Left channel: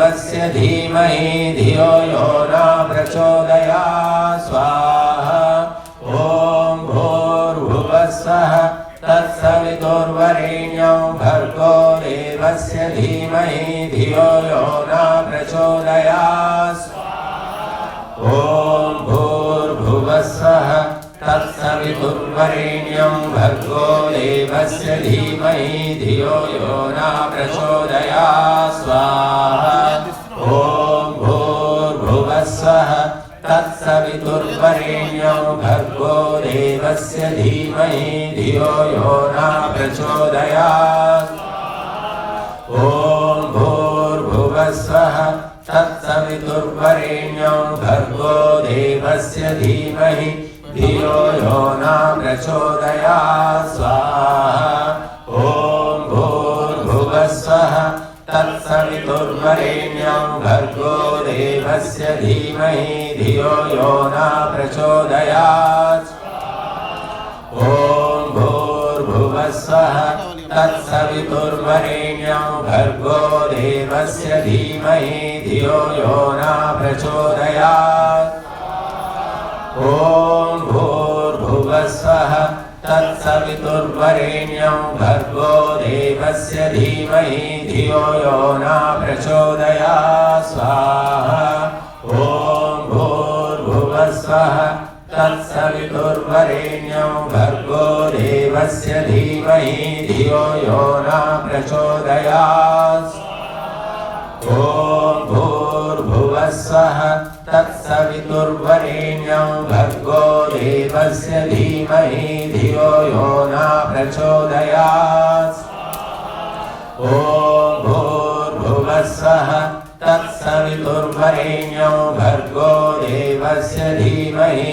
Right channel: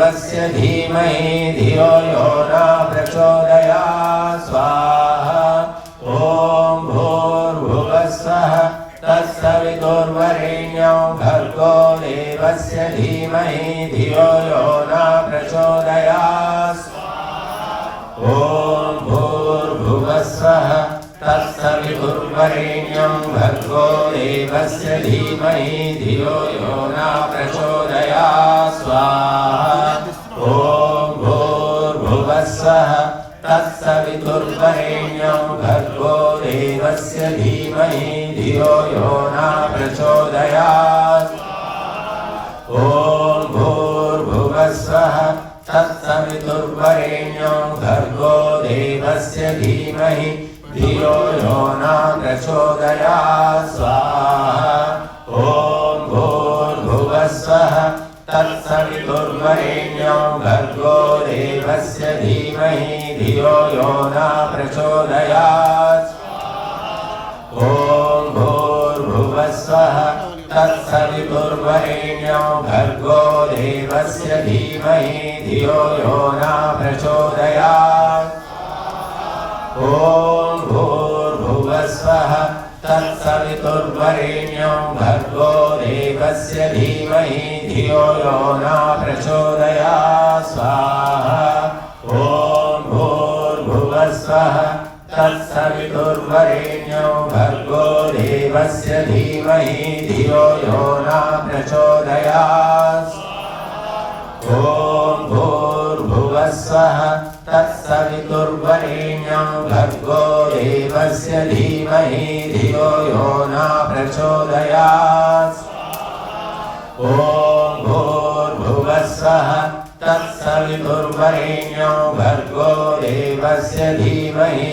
देवस्य धीमहि धियो यो न प्रचोदयात् स्वाहा ॐ भूर्भुवः स्वः तत्सवितुर्वरेण्यं भर्गो देवस्य धीमहि धियो यो न प्रचोदयात् स्वाहा ॐ भूर्भुवः स्वः तत्सवितुर्वरेण्यं भर्गो देवस्य धीमहि धियो यो न प्रचोदयात् स्वाहा ॐ भूर्भुवः स्वः तत्सवितुर्वरेण्यं भर्गो देवस्य धीमहि धियो यो न प्रचोदयात् ॐ भूर्भुवः स्वः तत्सवितुर्वरेण्यं भर्गो देवस्य धीमहि धियो यो न प्रचोदयात् स्वाहा ॐ भूर्भुवः स्वः तत्सवितुर्वरेण्यं भर्गो देवस्य धीमहि धियो यो न प्रचोदयात् ॐ भूर्भुवः स्वः तत्सवितुर्वरेण्यं भर्गो देवस्य धीमहि धियो यो न प्रचोदयात् ॐ भूर्भुवः स्वः तत्सवितुर्वरेण्यं भर्गो देवस्य धीमहि धियो यो न प्रचोदयात् स्वाहा ॐ भूर्भुवः स्वः तत्सवितुर्वरेण्यं भर्गो देवस्य धीमहि धियो यो न प्रचोदयात् ॐ भूर्भुवः स्वः तत्सवितुर्वरेण्यं भर्गो देवस्य धीमहि धियो यो न प्रचोदयात् ॐ भूर्भुवः स्वः तत्सवितुर्वरेण्यं भर्गो देवस्य धीमहि